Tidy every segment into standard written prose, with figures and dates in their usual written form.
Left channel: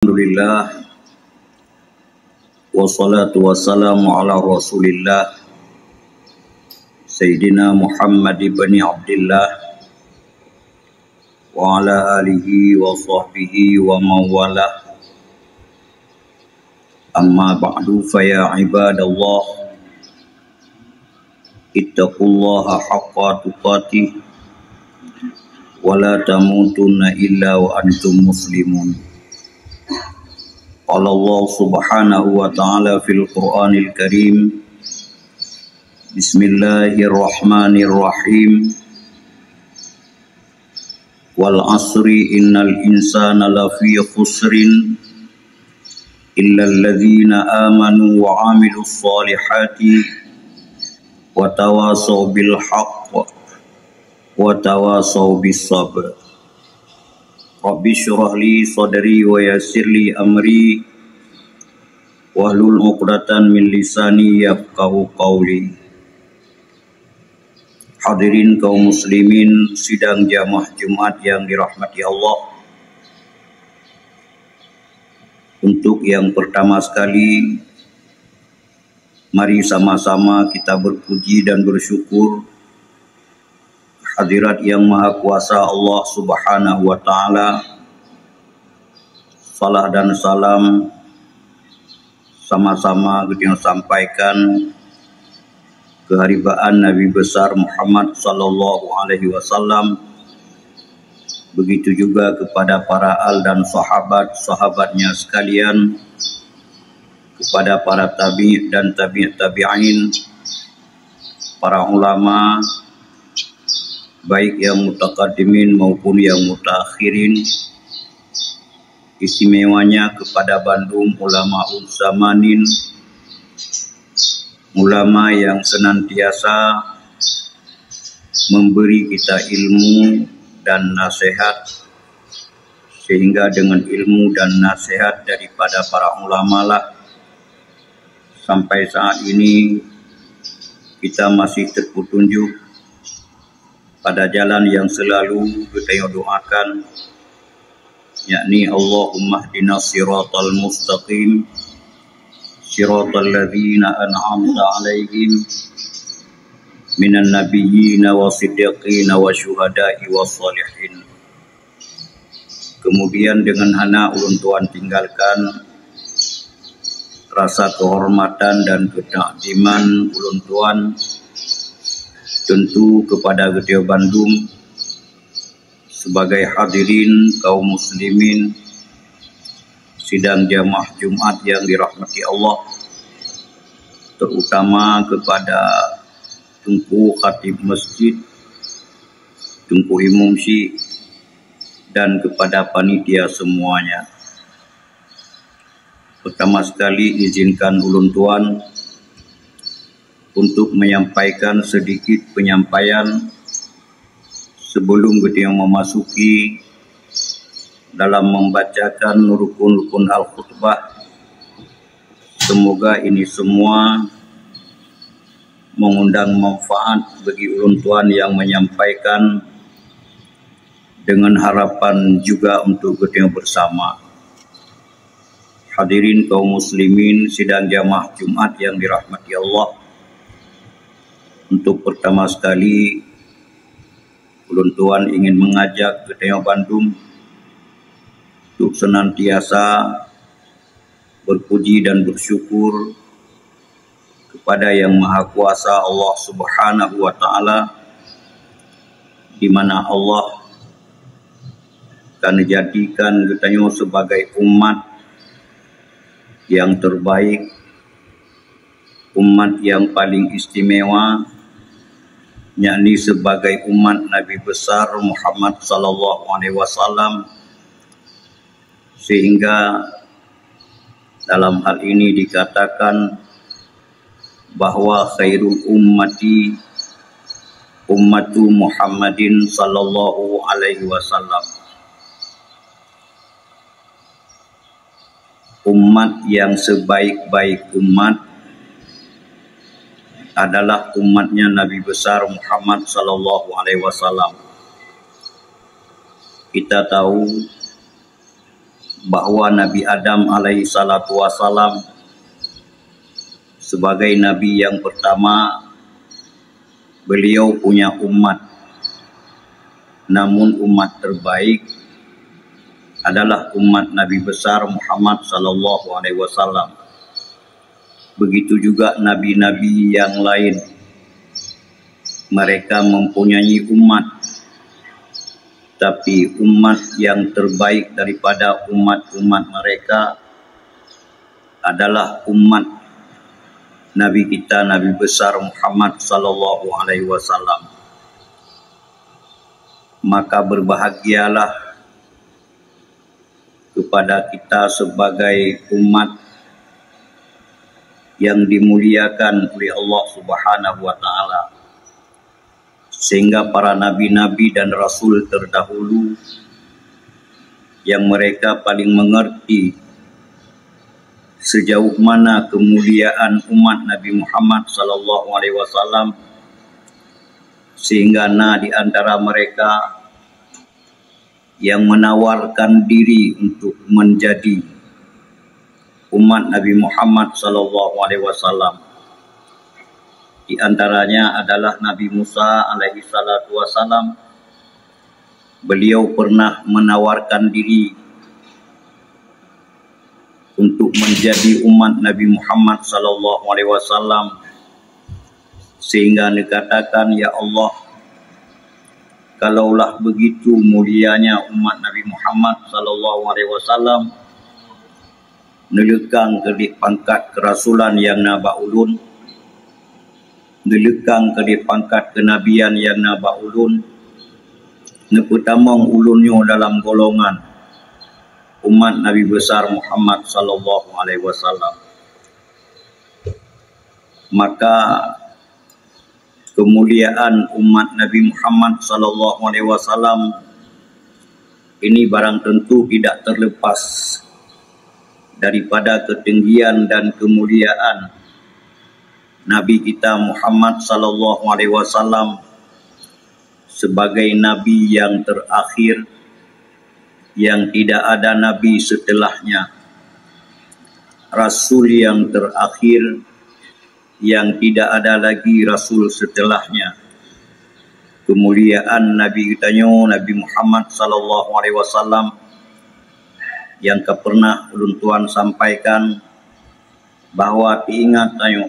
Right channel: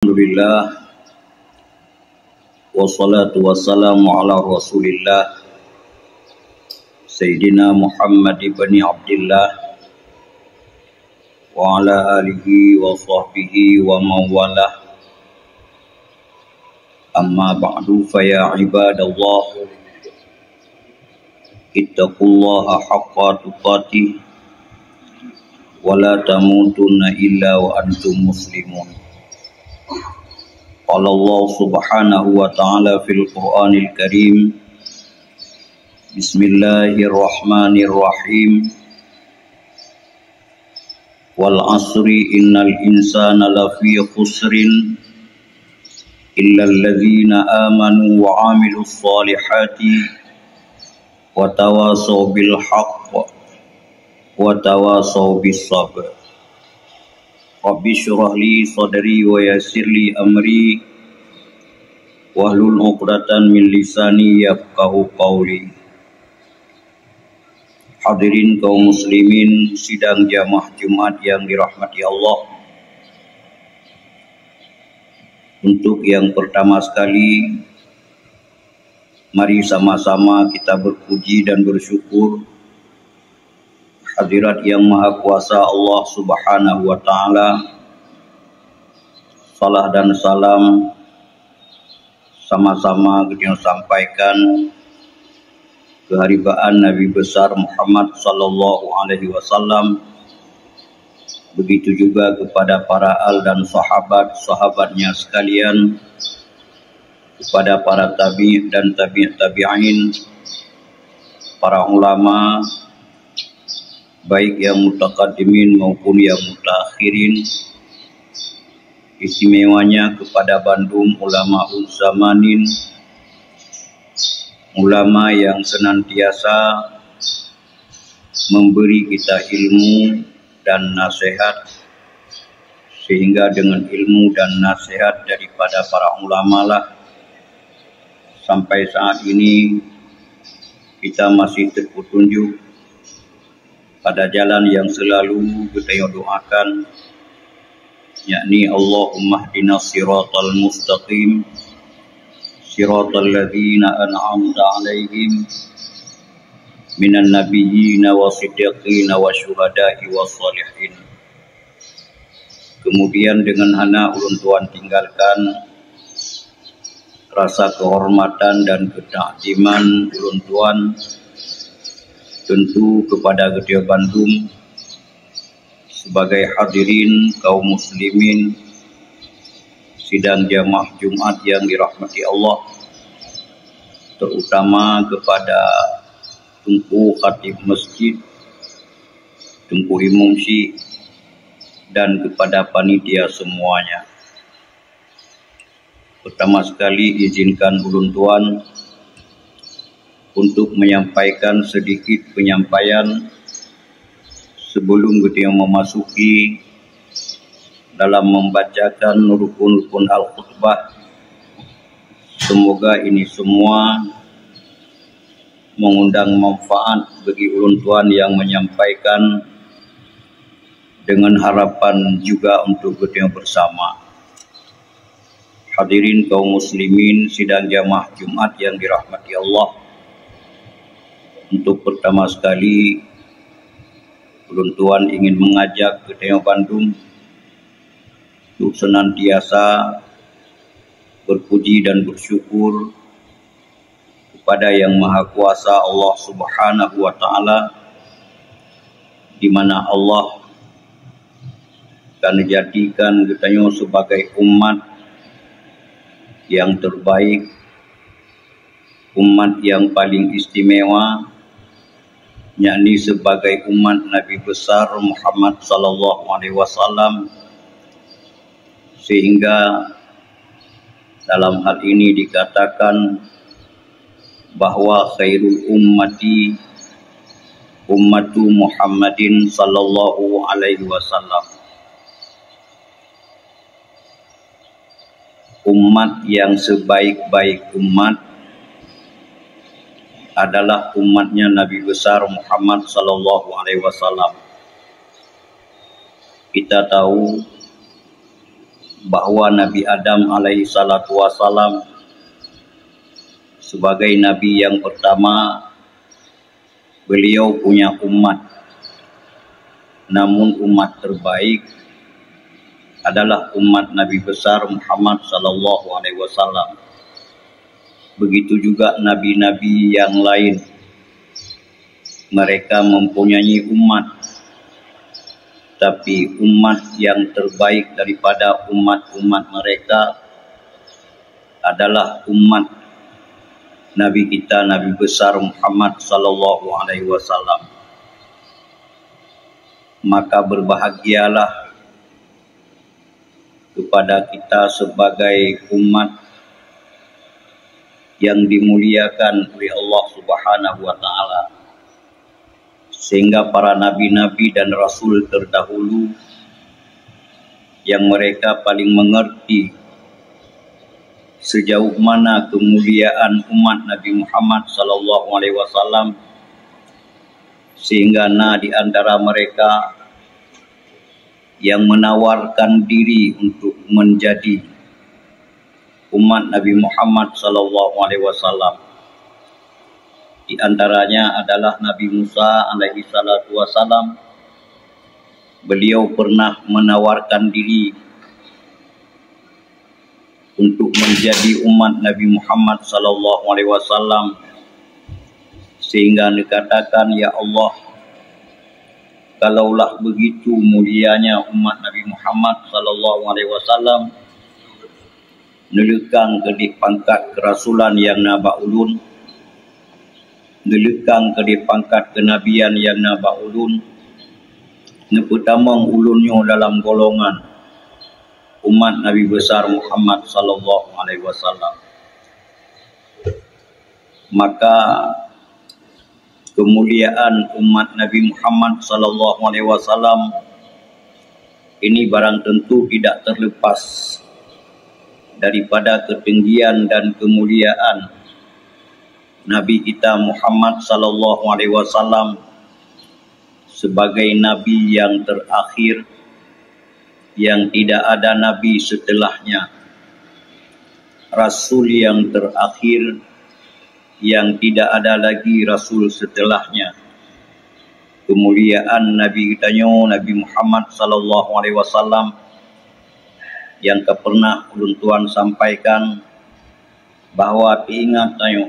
Alhamdulillah wassalatu wassalamu ala Rasulillah Sayyidina Muhammad ibn Abdillah wa ala alihi wa sahbihi wa mawalah. Amma ba'du, fa ya ibadallah ittaqullaha haqqa tuqatih wa la tamutunna illa wa antum muslimun. Qala Allah subhanahu wa ta'ala fil Qur'anil Karim, Bismillahirrahmanirrahim, wal asri innal insana lafi khusrin illa alladhina amanu wa amilus salihati wa tawasaw bil haqq wa tawasaw bis sabr. Rabbi syrah li sadri wa yassir li amri wahlul 'uqdatan min lisani yafqahu qawli. Hadirin kaum muslimin sidang jamaah Jumat yang dirahmati Allah. Untuk yang pertama sekali, mari sama-sama kita berpuji dan bersyukur hadirat yang maha kuasa Allah subhanahu wa ta'ala. Salah dan salam sama-sama kita sampaikan keharibaan Nabi besar Muhammad sallallahu alaihi wasallam. Begitu juga kepada para al dan sahabat-sahabatnya sekalian, kepada para tabi' dan tabi'in, para ulama baik yang mutaqaddimin maupun yang mutaakhirin, istimewanya kepada Bandung Ulama'uz Zamanin, ulama yang senantiasa memberi kita ilmu dan nasihat, sehingga dengan ilmu dan nasihat daripada para ulama lah sampai saat ini kita masih terpetunjuk pada jalan yang selalu kita doakan, yakni Allahumma hdinas siratal mustaqim siratal ladzina an'amta 'alaihim minan nabiyyin wasiddiqin wasyuhada'i wassalihin. Kemudian dengan hana ulun tuan tinggalkan rasa kehormatan dan ketakdiman ulun tuan tentu kepada Gedeja Bandung sebagai hadirin kaum muslimin sidang jamaah Jumat yang dirahmati Allah, terutama kepada Tunku Khatib Masjid, Tunku Imam Syekh, dan kepada panitia semuanya. Pertama sekali izinkan ulun tuan untuk menyampaikan sedikit penyampaian sebelum kita memasuki dalam membacakan rukun-rukun al-khutbah. Semoga ini semua mengundang manfaat bagi ulun tuan yang menyampaikan, dengan harapan juga untuk kita bersama. Hadirin kaum muslimin sidang jamaah Jumat yang dirahmati Allah, untuk pertama sekali ulun tuan ingin mengajak Gedeja Bandung untuk senantiasa berpuji dan bersyukur kepada Yang Maha Kuasa Allah Subhanahu wa ta'ala, di mana Allah akan menjadikan Gedeja sebagai umat yang terbaik, umat yang paling istimewa, yakni sebagai umat Nabi besar Muhammad sallallahu alaihi wasallam, sehingga dalam hal ini dikatakan bahwa khairul ummati ummatu Muhammadin sallallahu alaihi wasallam. Umat yang sebaik-baik umat adalah umatnya Nabi besar Muhammad sallallahu alaihi wasallam. Kita tahu bahwa Nabi Adam alaihi salatu wasalam sebagai Nabi yang pertama, beliau punya umat. Namun umat terbaik adalah umat Nabi besar Muhammad sallallahu alaihi wasallam. Begitu juga nabi-nabi yang lain. Mereka mempunyai umat. Tapi umat yang terbaik daripada umat-umat mereka adalah umat Nabi kita, Nabi besar Muhammad sallallahu alaihi wasallam. Maka berbahagialah kepada kita sebagai umat yang dimuliakan oleh Allah Subhanahu wa taala, sehingga para nabi-nabi dan rasul terdahulu yang mereka paling mengerti sejauh mana kemuliaan umat Nabi Muhammad sallallahu alaihi wasallam, sehingga di antara mereka yang menawarkan diri untuk menjadi umat Nabi Muhammad sallallahu alaihi wasallam. Di antaranya adalah Nabi Musa alaihi salatu wasallam. Beliau pernah menawarkan diri untuk menjadi umat Nabi Muhammad sallallahu alaihi wasallam, sehingga dikatakan, ya Allah, kalaulah begitu mulianya umat Nabi Muhammad sallallahu alaihi wasallam, nelekang ke pangkat kerasulan yang naba ulun, nelekang ke pangkat kenabian yang naba ulun, nepetamang ulunnya dalam golongan umat Nabi besar Muhammad sallallahu alaihi wasallam. Maka kemuliaan umat Nabi Muhammad sallallahu alaihi wasallam ini barang tentu tidak terlepas daripada ketinggian dan kemuliaan Nabi kita Muhammad sallallahu alaihi wasallam sebagai nabi yang terakhir, yang tidak ada nabi setelahnya, rasul yang terakhir, yang tidak ada lagi rasul setelahnya. Kemuliaan Nabi kita Nabi Muhammad sallallahu alaihi wasallam yang pernah ulun tuan sampaikan bahawa diingat tayo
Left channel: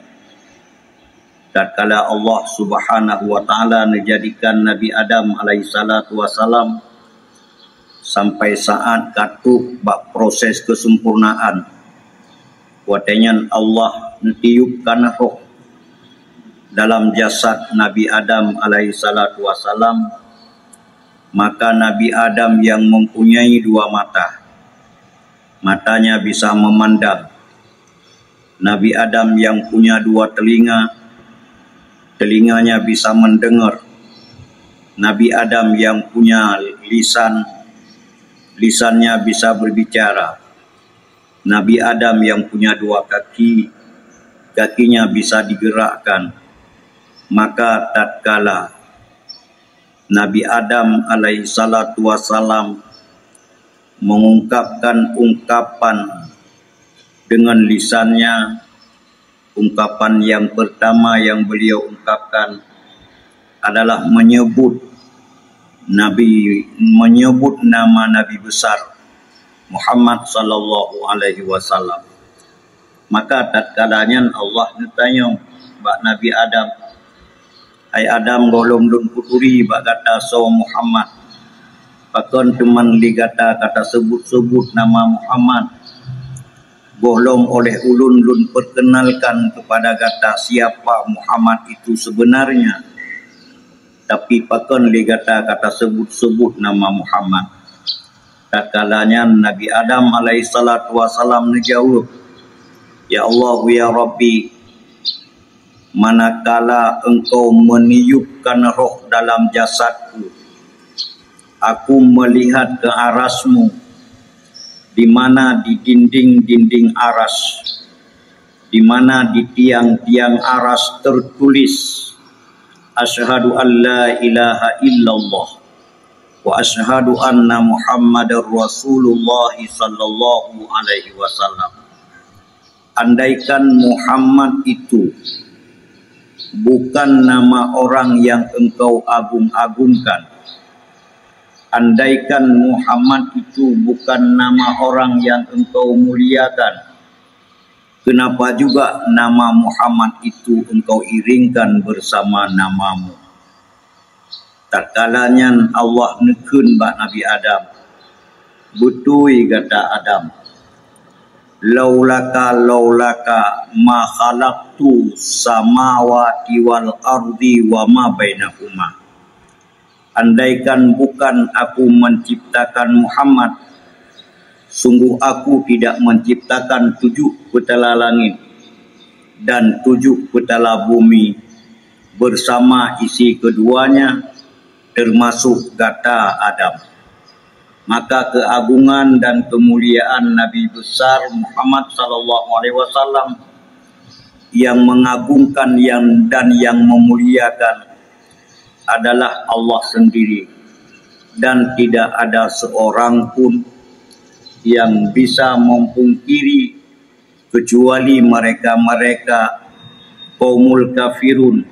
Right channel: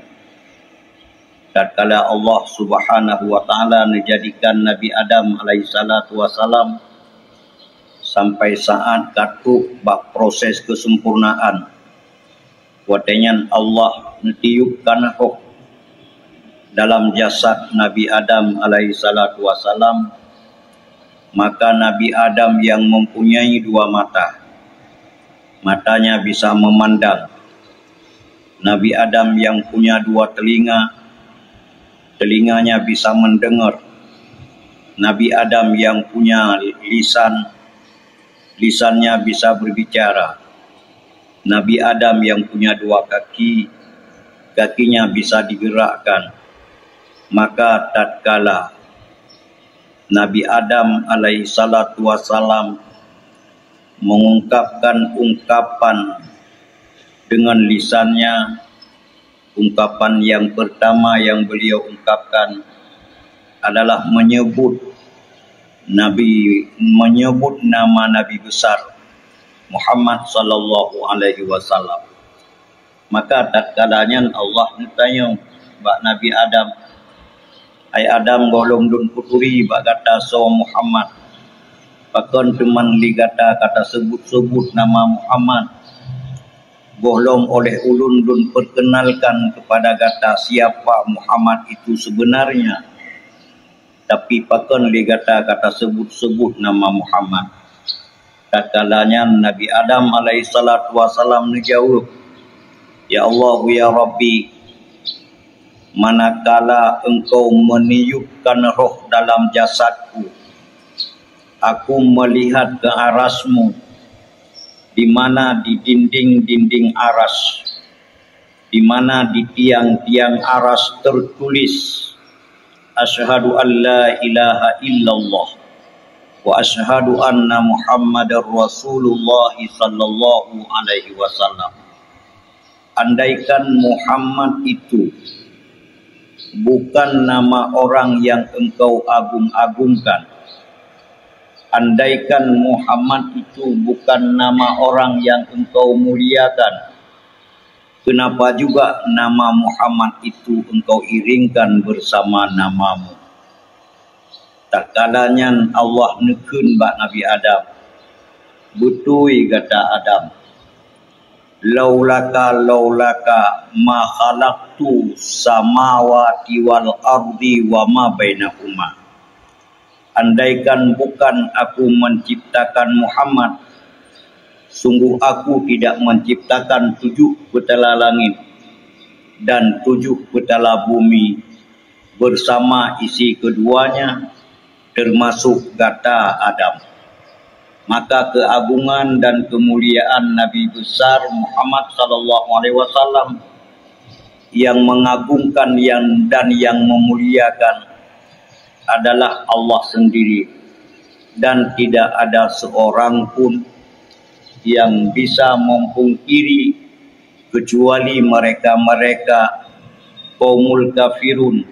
tatkala Allah Subhanahu wa taala menjadikan Nabi Adam alaihi salatu wasallam sampai saat katuk bak proses kesempurnaan, watenyan Allah netiupkan roh dalam jasad Nabi Adam alaihi salatu wasalam. Maka Nabi Adam yang mempunyai dua mata, matanya bisa memandang. Nabi Adam yang punya dua telinga, telinganya bisa mendengar. Nabi Adam yang punya lisan, lisannya bisa berbicara. Nabi Adam yang punya dua kaki, kakinya bisa digerakkan. Maka tatkala Nabi Adam alaihi salatu wasalam mengungkapkan ungkapan dengan lisannya, ungkapan yang pertama yang beliau ungkapkan adalah menyebut nama Nabi besar Muhammad sallallahu alaihi wasallam. Maka tatkalanya Allah bertanya bak Nabi Adam, ai Adam golong dun puturi bak kata so Muhammad, pakon teman ligata kata sebut-sebut nama Muhammad, bolong oleh ulun lun perkenalkan kepada kata siapa Muhammad itu sebenarnya, tapi pakon ligata kata sebut-sebut nama Muhammad. Tatkalanya Nabi Adam alaihi salatu wasalam menjawab, ya Allah ya Rabbi, manakala engkau meniupkan roh dalam jasadku, aku melihat ke arasmu, di mana di dinding-dinding aras, di mana di tiang-tiang aras tertulis asyhadu an la ilaha illallah wa asyhadu anna Muhammadar Rasulullah sallallahu alaihi wasallam. Andaikan Muhammad itu bukan nama orang yang engkau agung-agungkan, andaikan Muhammad itu bukan nama orang yang engkau muliakan, kenapa juga nama Muhammad itu engkau iringkan bersama namamu? Tak kalanya Allah nekun bak Nabi Adam. Betul kata Adam. Laulaka ma khalaqtu samawati wal ardi wa ma bainahuma. Andaikan bukan aku menciptakan Muhammad, sungguh aku tidak menciptakan 7 petala langit dan 7 petala bumi bersama isi keduanya, termasuk kata Adam. Maka keagungan dan kemuliaan Nabi besar Muhammad sallallahu alaihi wasallam yang mengagungkan dan yang memuliakan adalah Allah sendiri, dan tidak ada seorang pun yang bisa memungkiri kecuali mereka-mereka kaumul kafirun,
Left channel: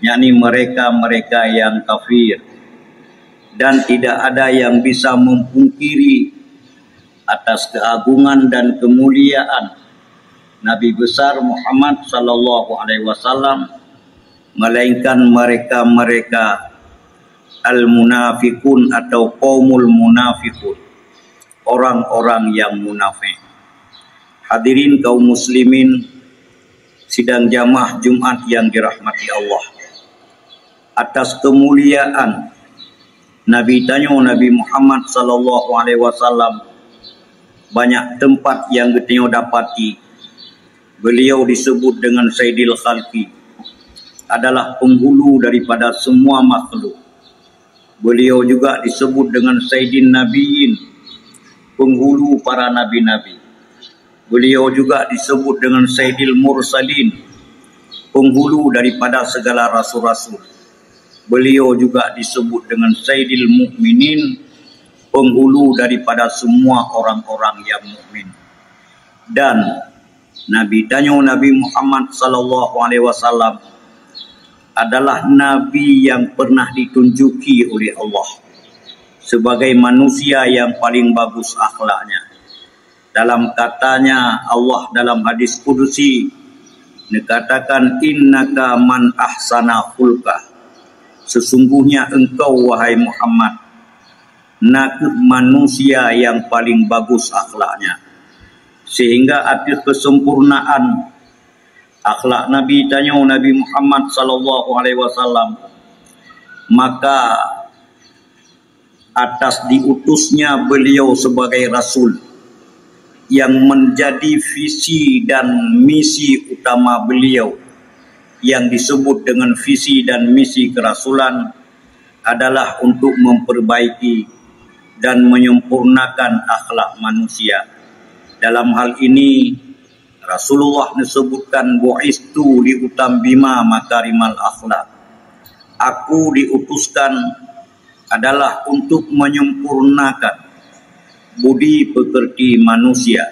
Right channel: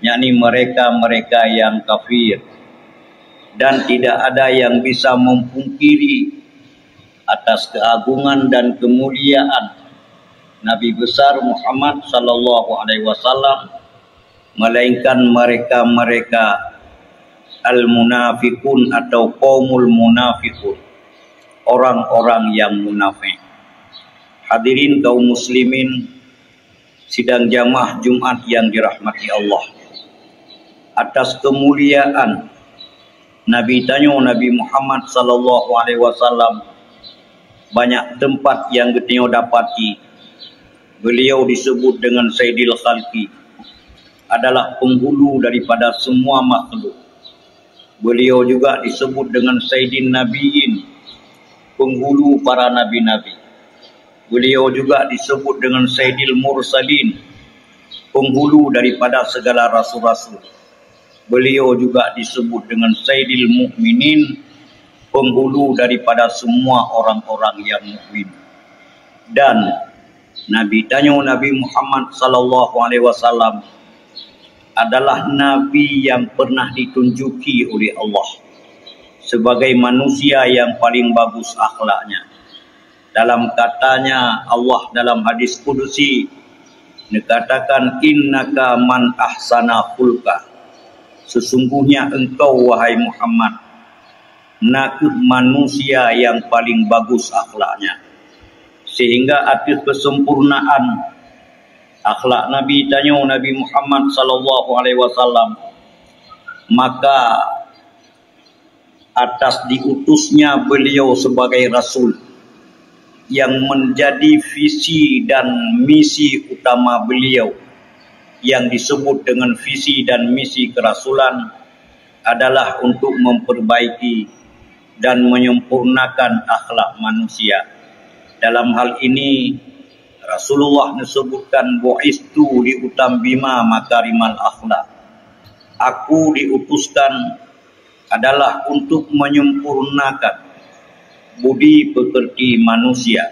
yakni mereka-mereka yang kafir. Dan tidak ada yang bisa memungkiri atas keagungan dan kemuliaan Nabi besar Muhammad sallallahu alaihi wasallam, melainkan mereka-mereka al-munafiqun atau qaumul munafiqun, orang-orang yang munafik. Hadirin kaum muslimin sidang jamaah Jumat yang dirahmati Allah. Atas kemuliaan Nabi Nabi Muhammad sallallahu alaihi wasallam, banyak tempat yang kita dapati beliau disebut dengan Sayyidil Khalqi, adalah penghulu daripada semua makhluk. Beliau juga disebut dengan Sayyidin Nabiyin, penghulu para nabi-nabi. Beliau juga disebut dengan Sayyidil Mursalin, penghulu daripada segala rasul-rasul. Beliau juga disebut dengan Sayyidil Mukminin, penghulu daripada semua orang-orang yang mukmin. Dan Nabi Muhammad sallallahu alaihi wasallam adalah nabi yang pernah ditunjuki oleh Allah sebagai manusia yang paling bagus akhlaknya. Dalam katanya Allah dalam hadis qudsi, dikatakan innaka man ahsana khulqa, sesungguhnya engkau wahai Muhammad manusia yang paling bagus akhlaknya. Sehingga atas kesempurnaan akhlak Nabi Muhammad sallallahu alaihi wasallam, maka atas diutusnya beliau sebagai rasul yang menjadi visi dan misi utama beliau, yang disebut dengan visi dan misi kerasulan, adalah untuk memperbaiki dan menyempurnakan akhlak manusia. Dalam hal ini Rasulullah disebutkan bu'istu liutammima makarimal akhlak. Aku diutuskan adalah untuk menyempurnakan budi pekerti manusia,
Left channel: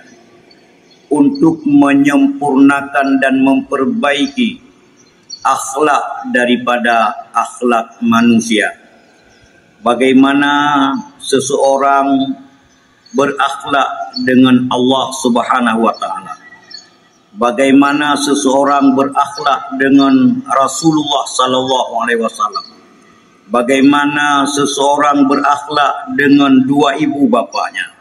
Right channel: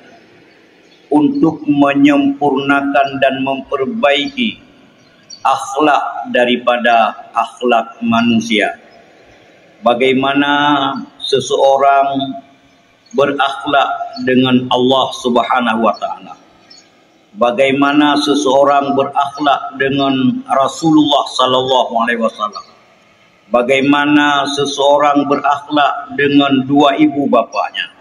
untuk menyempurnakan dan memperbaiki akhlak daripada akhlak manusia. Bagaimana seseorang berakhlak dengan Allah Subhanahu wa taala, bagaimana seseorang berakhlak dengan Rasulullah sallallahu alaihi wasallam, bagaimana seseorang berakhlak dengan dua ibu bapanya,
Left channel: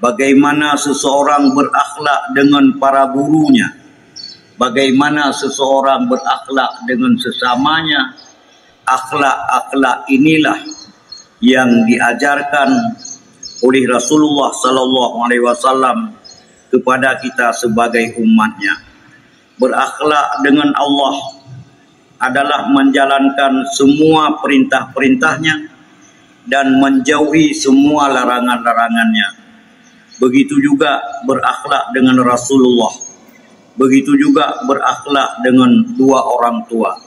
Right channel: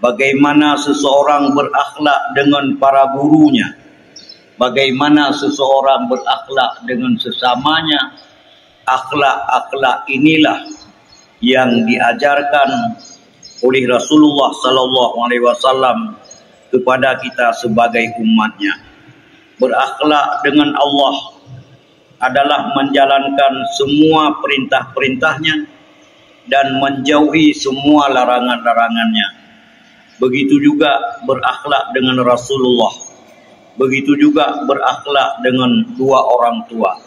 bagaimana seseorang berakhlak dengan para gurunya, bagaimana seseorang berakhlak dengan sesamanya. Akhlak-akhlak inilah yang diajarkan oleh Rasulullah sallallahu alaihi wasallam kepada kita sebagai umatnya. Berakhlak dengan Allah adalah menjalankan semua perintah-perintahnya dan menjauhi semua larangan-larangannya. Begitu juga berakhlak dengan Rasulullah. Begitu juga berakhlak dengan dua orang tua.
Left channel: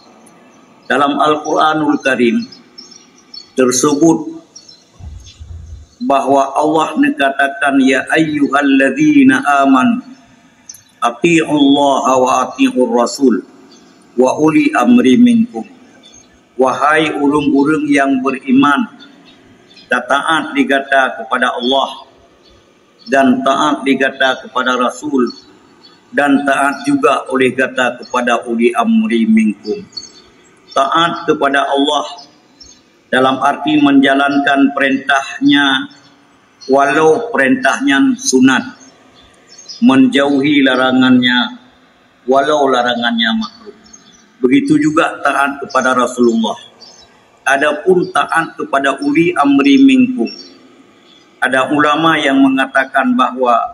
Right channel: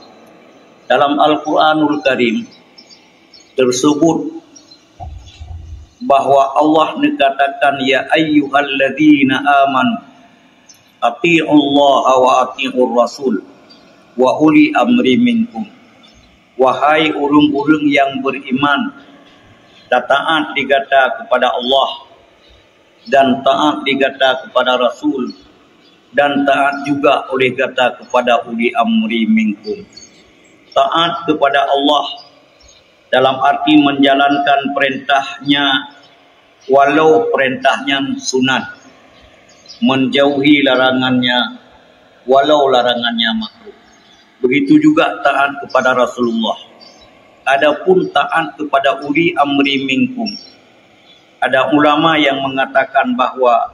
Dalam Al-Quranul Karim tersebut bahwa Allah dikatakan ya ayyuhalladzina amanu atiiullaha wa atiiur rasul wa uli amri minkum. Wahai urung-urung yang beriman, taat digata kepada Allah dan taat digata kepada Rasul dan taat juga oleh kata kepada uli amri minkum. Taat kepada Allah dalam arti menjalankan perintahnya walau perintahnya sunat, menjauhi larangannya walau larangannya makruh. Begitu juga taat kepada Rasulullah. Adapun taat kepada uli amri minkum, ada ulama yang mengatakan bahwa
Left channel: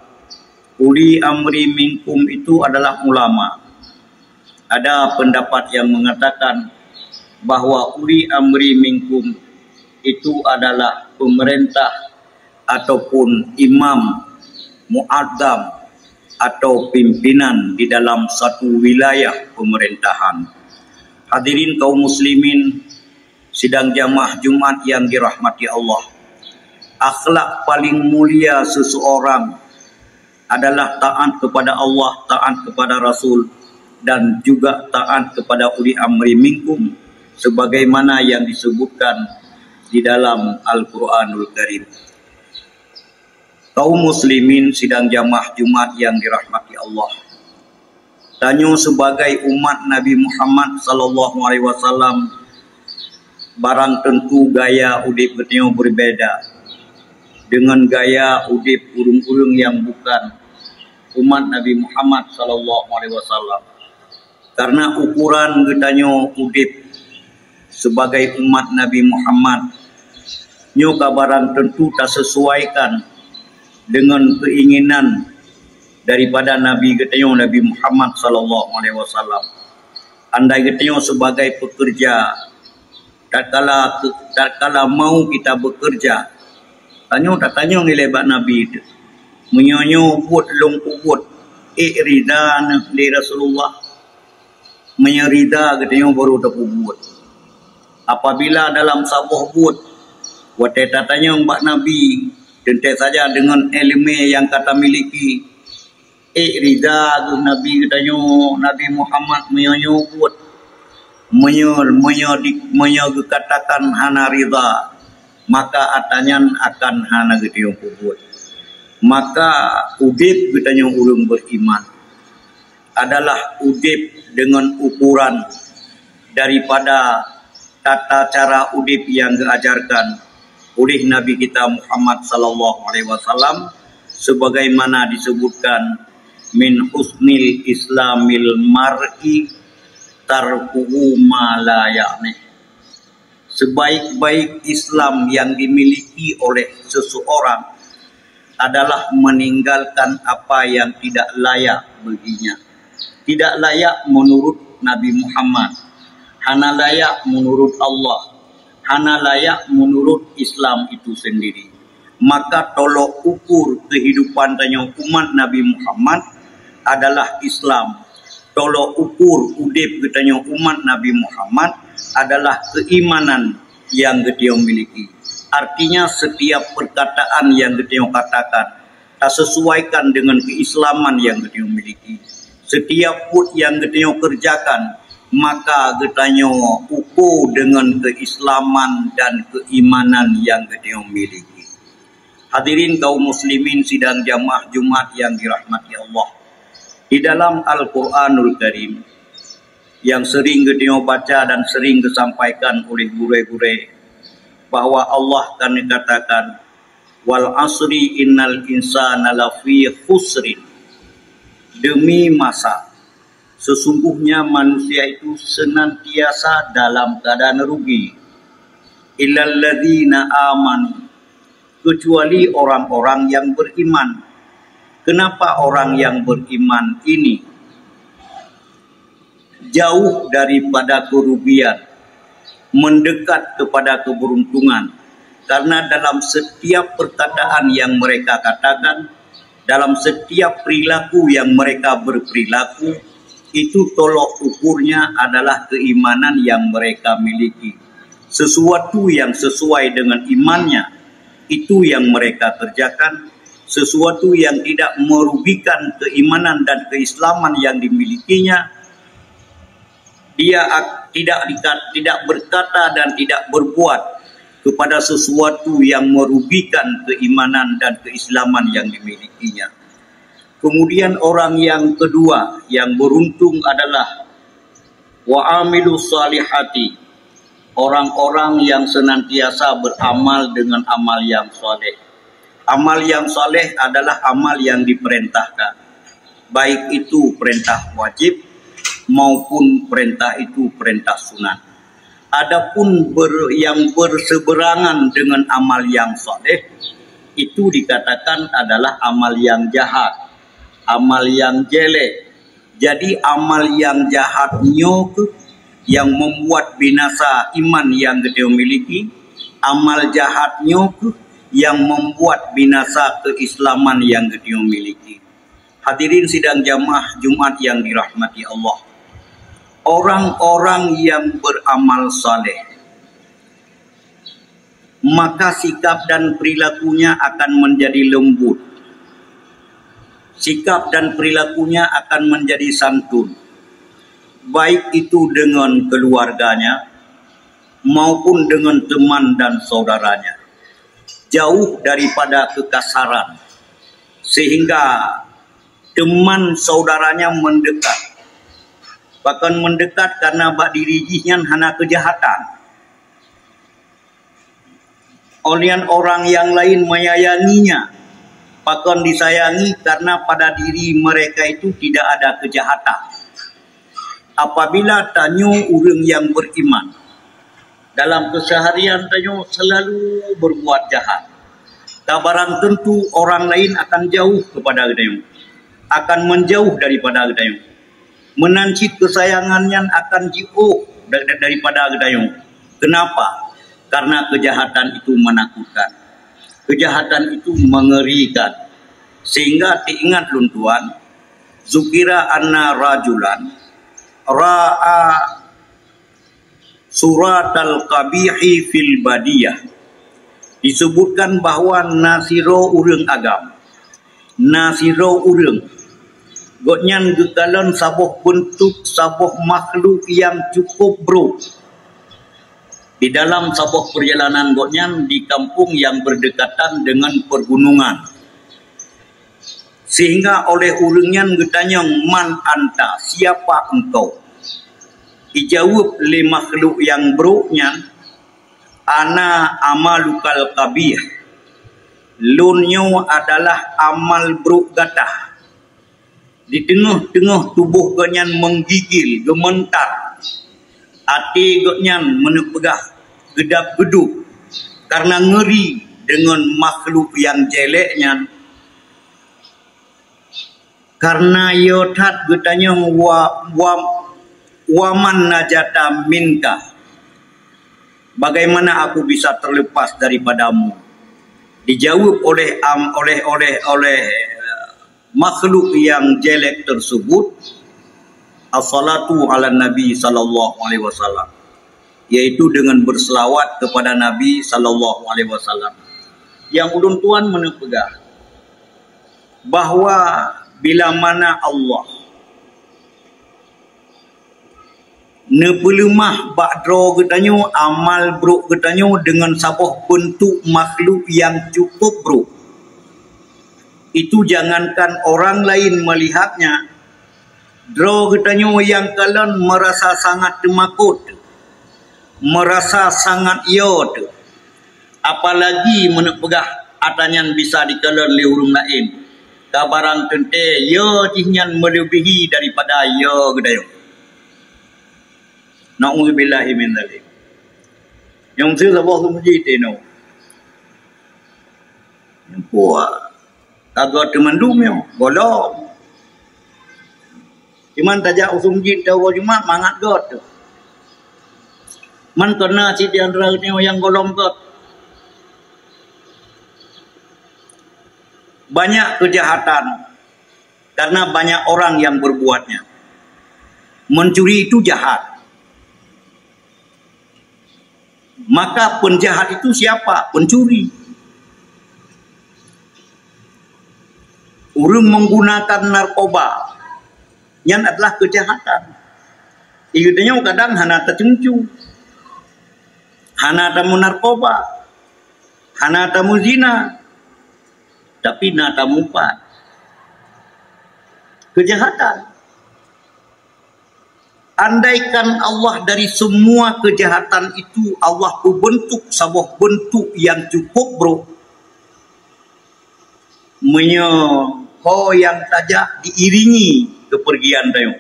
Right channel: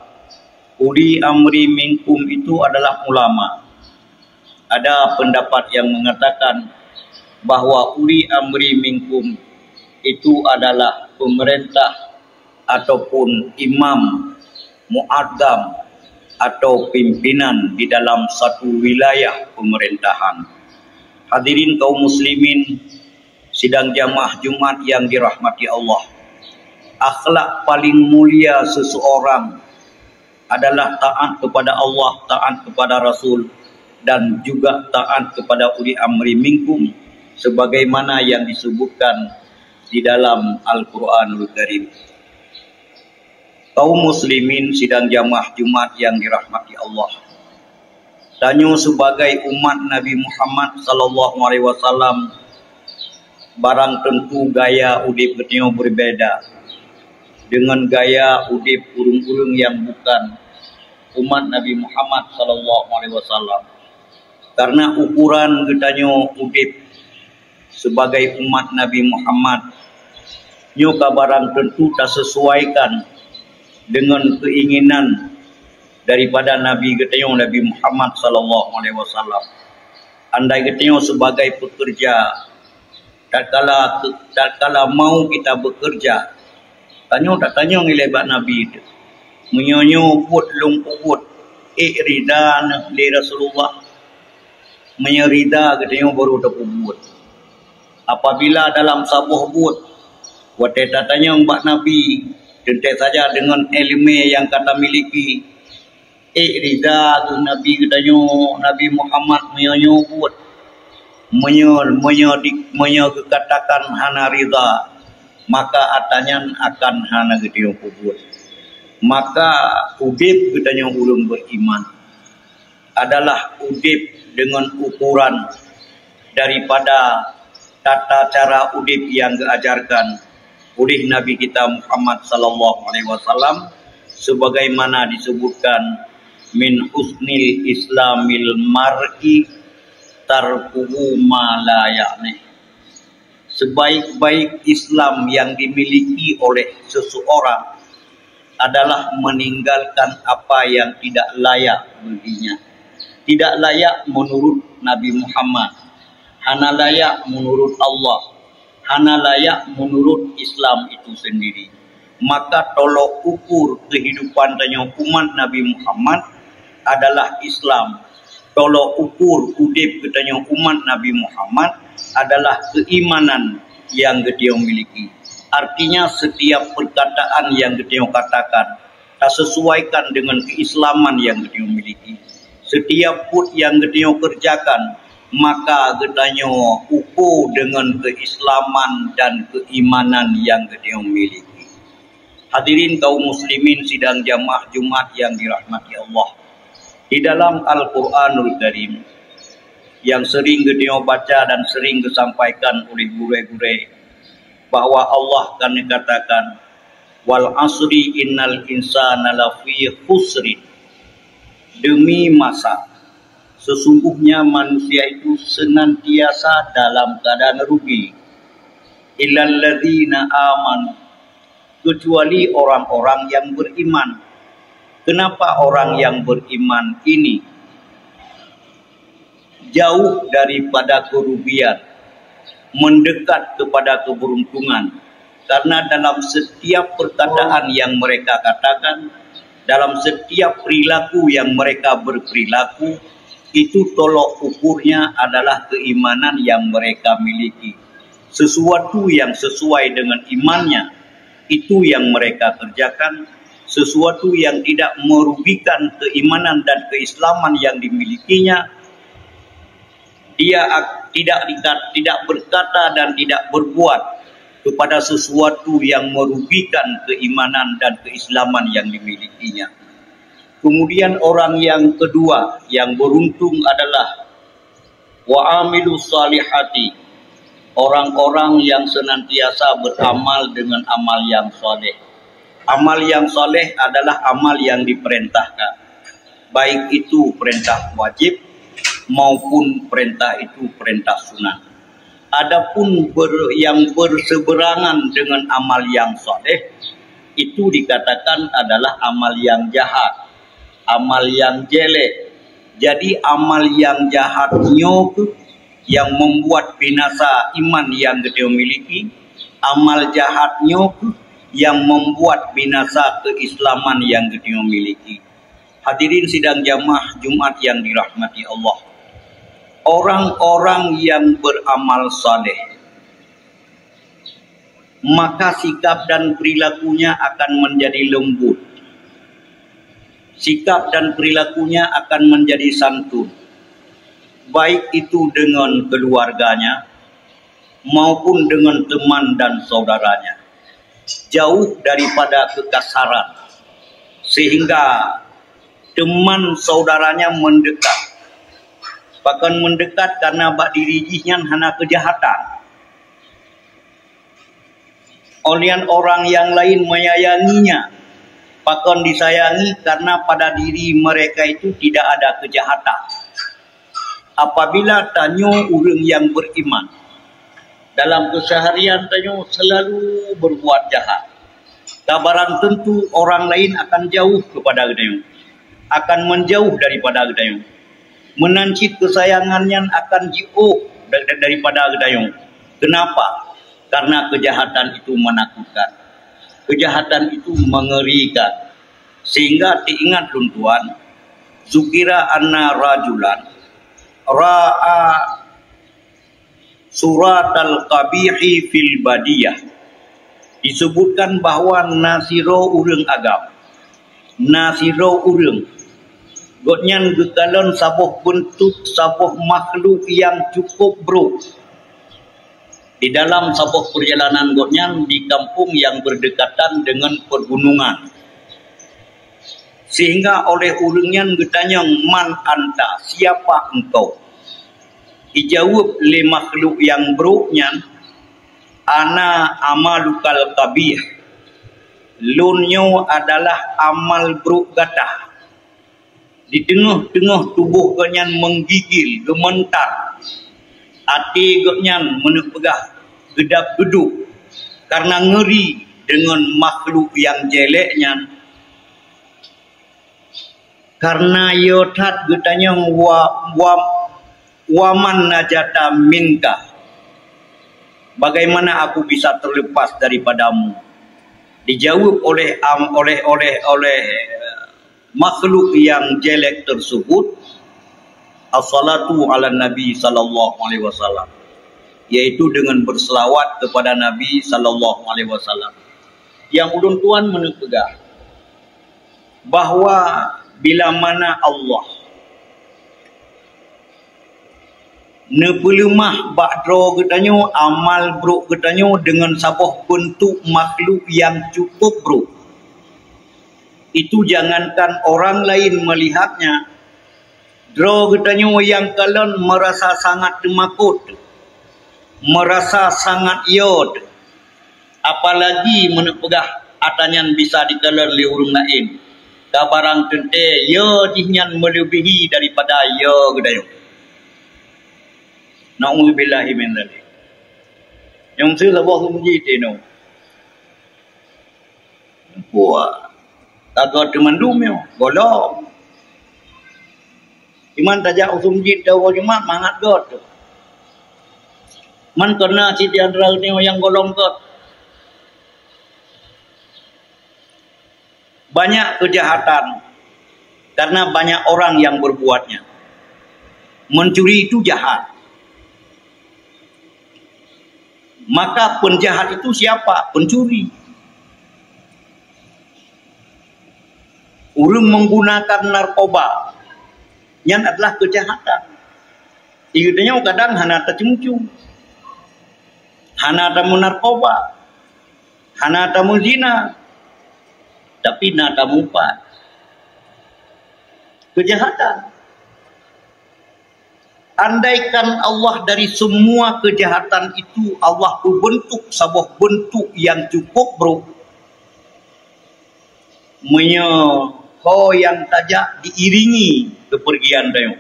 uli amri minkum itu adalah ulama. Ada pendapat yang mengatakan bahwa uli amri minkum itu adalah pemerintah ataupun imam, muadzam atau pimpinan di dalam satu wilayah pemerintahan. Hadirin kaum muslimin sidang jamaah Jumat yang dirahmati Allah. Akhlak paling mulia seseorang adalah taat kepada Allah, taat kepada Rasul dan juga taat kepada uli amri minkum sebagaimana yang disebutkan di dalam Al-Quranul Karim. Kaum muslimin sidang jamaah Jumat yang dirahmati Allah. Tanyo sebagai umat Nabi Muhammad sallallahu alaihi wasallam, barang tentu gaya udip ketio berbeda dengan gaya udip urung-urung yang bukan umat Nabi Muhammad sallallahu alaihi wasallam. Karena ukuran getanyo udip sebagai umat Nabi Muhammad nyo barang tentu tak sesuaikan dengan keinginan daripada Nabi getanyo Nabi Muhammad sallallahu alaihi wasallam. Andai getanyo sebagai pekerja, tak kala mau kita bekerja, tanyo ngilebat Nabi itu. Menyonyo buat longkubut rida li Rasulullah. Menyerida getanyo baru dapat buat. Apabila dalam sabuh buat, wate tatanya mbak Nabi tentu saja dengan ilmu yang kata miliki rida Nabi katanya Nabi Muhammad menyebut menyekatakan hana rida, maka atanya akan hana gitu kubut. Maka udip katanya ulun beriman adalah udip dengan ukuran daripada tata cara udip yang diajarkan oleh Nabi kita Muhammad sallallahu alaihi wasallam sebagaimana disebutkan min husnil islamil mar'i tarkuhu ma la ya'ni. Sebaik-baik Islam yang dimiliki oleh seseorang adalah meninggalkan apa yang tidak layak baginya. Tidak layak menurut Nabi Muhammad, hana layak menurut Allah, hana layak menurut Islam itu sendiri. Maka tolok ukur kehidupan tanya umat Nabi Muhammad adalah Islam. Tolok ukur udip katanya umat Nabi Muhammad adalah keimanan yang dia miliki. Artinya setiap perkataan yang dia katakan tak sesuaikan dengan keislaman yang dia miliki. Setiap put yang dia kerjakan maka getanyo ukur dengan keislaman dan keimanan yang dia miliki. Hadirin kaum muslimin sidang jamaah Jumat yang dirahmati Allah. Di dalam Al-Quranul Karim yang sering dia baca dan sering disampaikan oleh guru-guru bahwa Allah kan dikatakan wal asri innal insana lafi khusrin. Demi masa sesungguhnya manusia itu senantiasa dalam keadaan rugi. Illal ladzina amanu, kecuali orang-orang yang beriman. Kenapa orang yang beriman ini jauh daripada kerugian, mendekat kepada keberuntungan? Karena dalam setiap perkataan yang mereka katakan, dalam setiap perilaku yang mereka berperilaku, itu tolok ukurnya adalah keimanan yang mereka miliki. Sesuatu yang sesuai dengan imannya, itu yang mereka kerjakan, sesuatu yang tidak merugikan keimanan dan keislaman yang dimilikinya. Dia tidak berkata dan tidak berbuat kepada sesuatu yang merugikan keimanan dan keislaman yang dimilikinya. Kemudian orang yang kedua yang beruntung adalah wa'amilus salihati, orang-orang yang senantiasa beramal dengan amal yang soleh. Amal yang soleh adalah amal yang diperintahkan, baik itu perintah wajib maupun perintah itu perintah sunat. Adapun yang berseberangan dengan amal yang soleh, itu dikatakan adalah amal yang jahat, amal yang jelek. Jadi amal yang jahatnya yang membuat binasa iman yang kita miliki, amal jahatnya yang membuat binasa keislaman yang kita miliki. Hadirin sidang jamaah Jumat yang dirahmati Allah. Orang-orang yang beramal saleh, maka sikap dan perilakunya akan menjadi lembut. Sikap dan perilakunya akan menjadi santun, baik itu dengan keluarganya maupun dengan teman dan saudaranya. Jauh daripada kekasaran, sehingga teman saudaranya mendekat. Bahkan mendekat karena bak dirijinya hana kejahatan. Oleh orang yang lain menyayanginya, bahkan disayangi karena pada diri mereka itu tidak ada kejahatan. Apabila tanya orang yang beriman, dalam keseharian tanya selalu berbuat jahat, kabaran tentu orang lain akan jauh kepada gedayung, akan menjauh daripada gedayung. Menancit kesayangannya akan jauh daripada gedayung. Kenapa? Karena kejahatan itu menakutkan. Kejahatan itu mengerikan. Sehingga diingat luntuan, zukira anna rajulan ra'a surat al-qabihi fil badiyah. Disebutkan bahawa nasiro urang agam, nasiro urang gotnyan gekalan sabuh bentuk sabuh makhluk yang cukup buruk. Di dalam sabuh perjalanan gotnyan di kampung yang berdekatan dengan pergunungan. Sehingga oleh urangnya getanya, man anta, siapa engkau? Dijawab oleh makhluk yang buruknya, ana amalukal qabih. Lunyo adalah amal buruk gatah. Di tengah-tengah tubuh gotnyan menggigil, gementar. Hati gotnyan menepegah, gedap-geduk karena ngeri dengan makhluk yang jeleknya. Karena yotat getanya waman najata minka. Bagaimana aku bisa terlepas daripadamu? Dijawab oleh makhluk yang jelek tersebut, as-salatu ala Nabi sallallahu alaihi wasallam, yaitu dengan berselawat kepada Nabi sallallahu alaihi wasallam. Yang ulun tuan menepegah bahawa bila mana Allah nepelemah bakdro getanyo amal buruk getanyo dengan sabuh bentuk makhluk yang cukup buruk, itu jangankan orang lain melihatnya, dro getanyo yang kalian merasa sangat temakut, merasa sangat iot, apalagi menepegah atanyan bisa dikalan oleh orang lain. Kabarang tente ya jihnyan melebihi daripada ya gedayung. Na'udzubillahi min dzalik. Yang saya sabah sumuji teno. Puak. Kagak teman dumyo, golong. Iman tajak sumuji tahu Jumat mangat god. Man kena si diantara ni yang golong god. Banyak kejahatan karena banyak orang yang berbuatnya. Mencuri itu jahat. Maka penjahat itu siapa? Pencuri. Orang menggunakan narkoba. Yang adalah kejahatan. Ikutnya kadang hana tercemcu. Hana tamu narkoba. Hana tamu zina. Tapi na tamu empat. Kejahatan. Andaikan Allah dari semua kejahatan itu Allah berbentuk sebuah bentuk yang cukup bro. Menyoho yang tajak diiringi kepergian dia.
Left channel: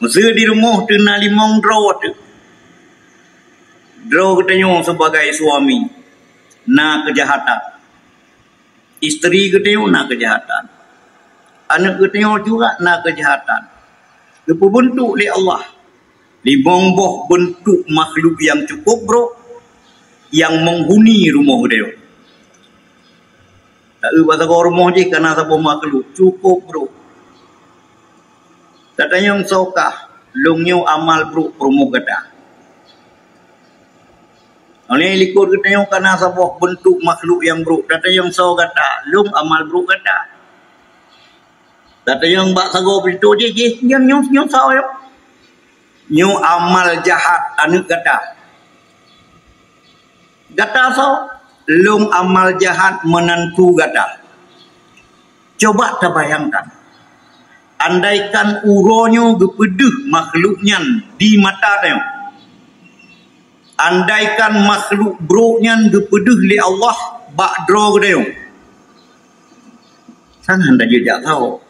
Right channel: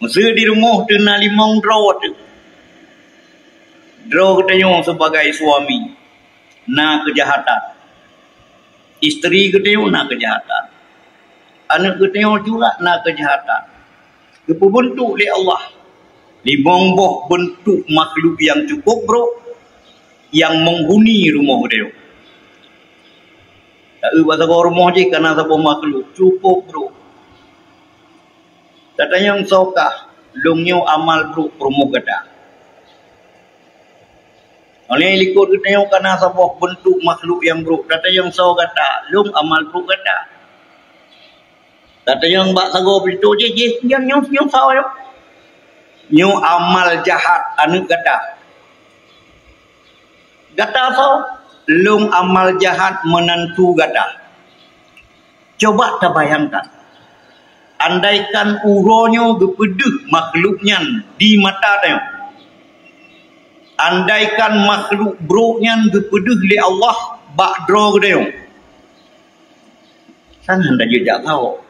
Masa di rumah tu na limang draw tu. Draw katanya sebagai suami. Na kejahatan. Isteri katanya na kejahatan. Anak katanya juga na kejahatan. Dibentuk oleh Allah. Limang buah bentuk makhluk yang cukup bro. Yang menghuni rumah dia. Tak ada rumah je kerana sebuah makhluk. Cukup bro. Katanya yang sokah. Lungnya amal bro rumah gada. Oleh likut katanya kerana sebuah bentuk makhluk yang bro. Katanya yang sok kata. Lung amal bro gada. Kata yang bak sago begitu je yang nyong saw yo. Nyu amal jahat anu gata. Gata so lung amal jahat menentu gata. Coba terbayangkan. Andaikan uronyo gepedeh makhluknya di mata dia. Andaikan makhluk broknya gepedeh li Allah bak dro dia. Sangat dah jejak tahu.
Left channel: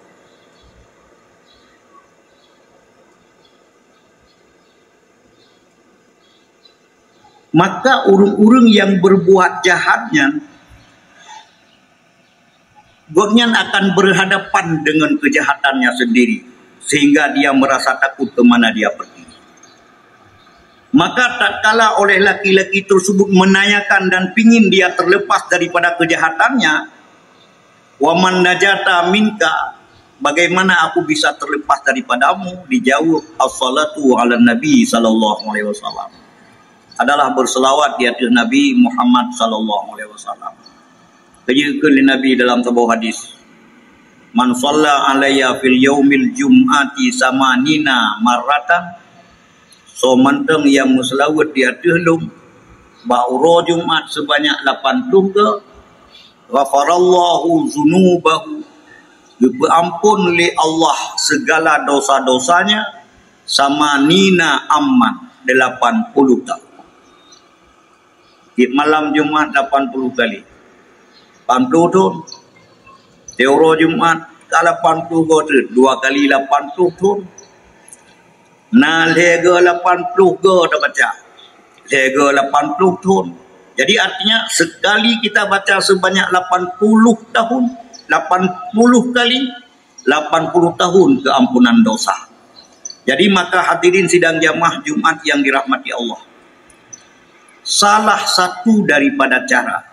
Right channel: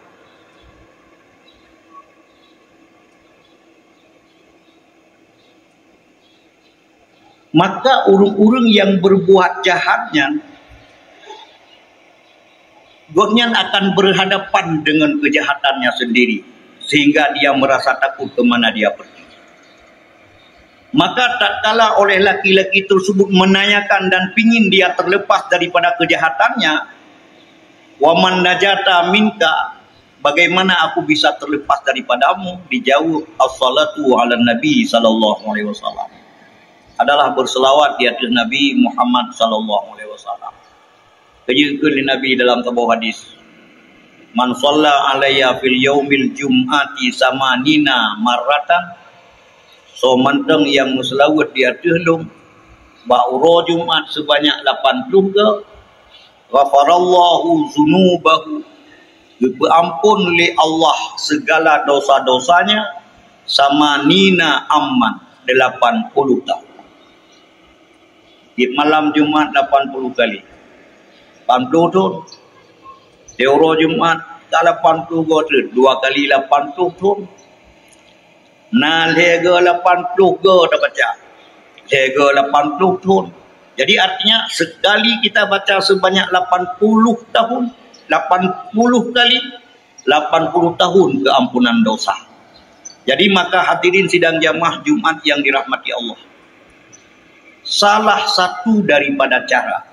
Maka orang-orang yang berbuat jahatnya godnya akan berhadapan dengan kejahatannya sendiri sehingga dia merasa takut ke mana dia pergi. Maka tak kala oleh laki-laki tersebut menanyakan dan pingin dia terlepas daripada kejahatannya, waman najata minka, bagaimana aku bisa terlepas daripadamu? Dijawab as-salatu ala nabi sallallahu alaihi wasallam. Adalah berselawat di atas Nabi Muhammad sallallahu alaihi wasallam. Kejikan Nabi dalam sebuah hadis. Man shalla alayya fil yaumil jum'ati samanina marratan. So manteng yang muslawat di atas lum ba'ura Jumat sebanyak 80 ke. Ghafarallahu zunubahu. Berampun li Allah segala dosa-dosanya samanina amman 80 tahun. Di malam Jumat 80 kali. 80 tu. Teoro Jumat ke 80 tu. 2 kali 80 tu. Nah lega 80 ke tak baca. Lega 80 tu. Jadi artinya sekali kita baca sebanyak 80 tahun. 80 kali. 80 tahun keampunan dosa. Jadi maka hadirin sidang jamaah Jumat yang dirahmati Allah. Salah satu daripada cara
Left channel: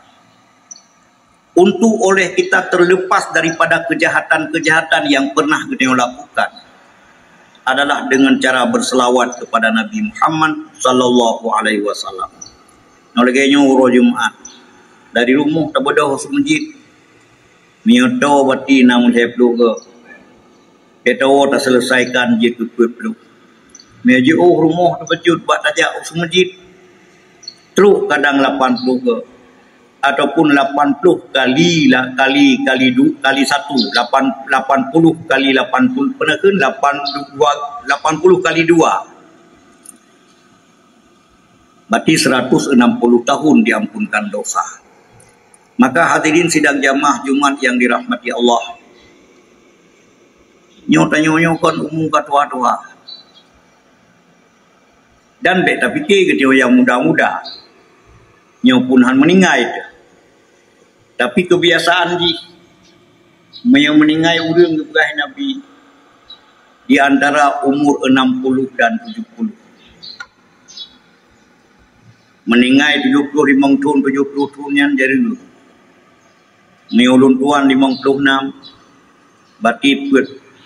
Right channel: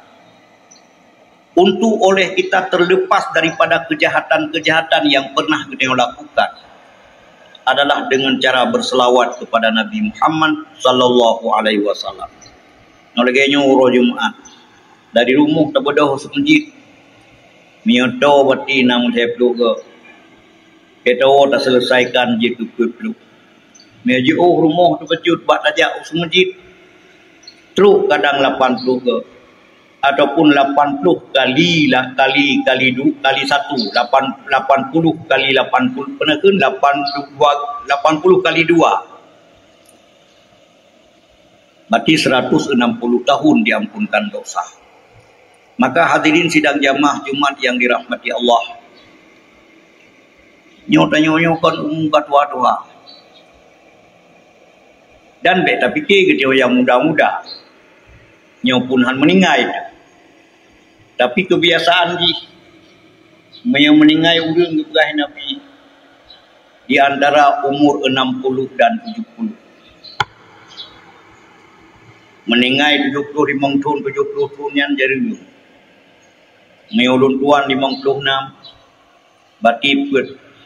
untuk oleh kita terlepas daripada kejahatan-kejahatan yang pernah kita lakukan adalah dengan cara berselawat kepada Nabi Muhammad sallallahu alaihi wasallam. Nolegenya uro Jumat dari rumah tabedah ke masjid. Mioto bati namun saya peluk ke. Kita tak selesaikan je ke peluk. Meji rumah terpecut buat tajak ke masjid. Truk kadang 80 ke ataupun 80 kali 1 80 kali 80 pernah ke 80 kali 2 berarti 160 tahun diampunkan dosa. Maka hadirin sidang jamaah Jumat yang dirahmati Allah, nyota-nyokan umum katua-tua dan beta fikir ke yang muda-muda nyopunhan meninggai itu. Tapi kebiasaan yang meninggai orang keberah Nabi di antara umur 60 dan 70. Meninggai 75 tahun 70 tahun yang jadi dulu. Meulun tuan 56 berarti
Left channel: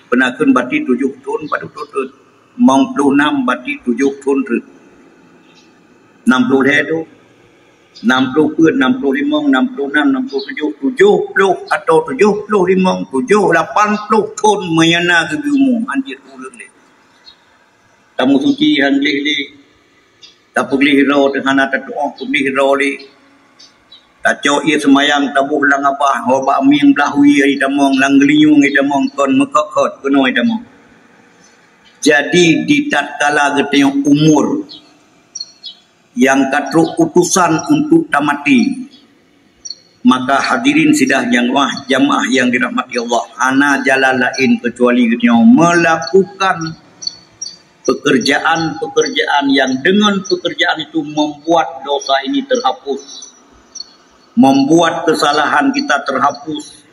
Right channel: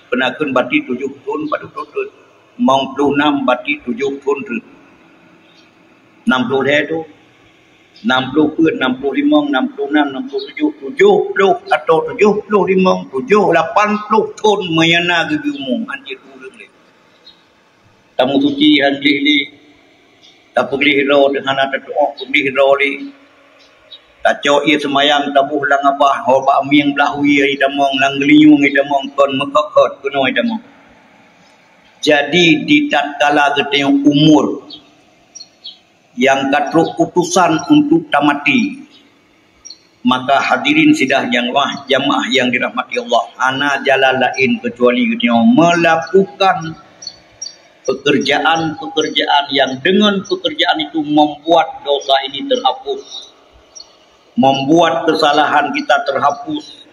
penakan berarti 7 tahun pada tutur 56 berarti 7 tahun 60 tu 60 pun, 65, 66, 67, 70 atau 75, 80 tahun menyana gegimu anjir urang le. Tamu suci han le. Tak pergi hiro dengan ada doa, pergi hiro le. Tak cok ia semayang tabuh lang abah, hoba miang belahui ai damong lang geliung ai damong kon mekokot kuno ai damong. Jadi di tatkala geteng umur yang katruk utusan untuk tamati, maka hadirin sidang jamaah yang dirahmati Allah, ana jalan lain kecuali geteng melakukan pekerjaan-pekerjaan yang dengan pekerjaan itu membuat dosa ini terhapus, membuat kesalahan kita terhapus,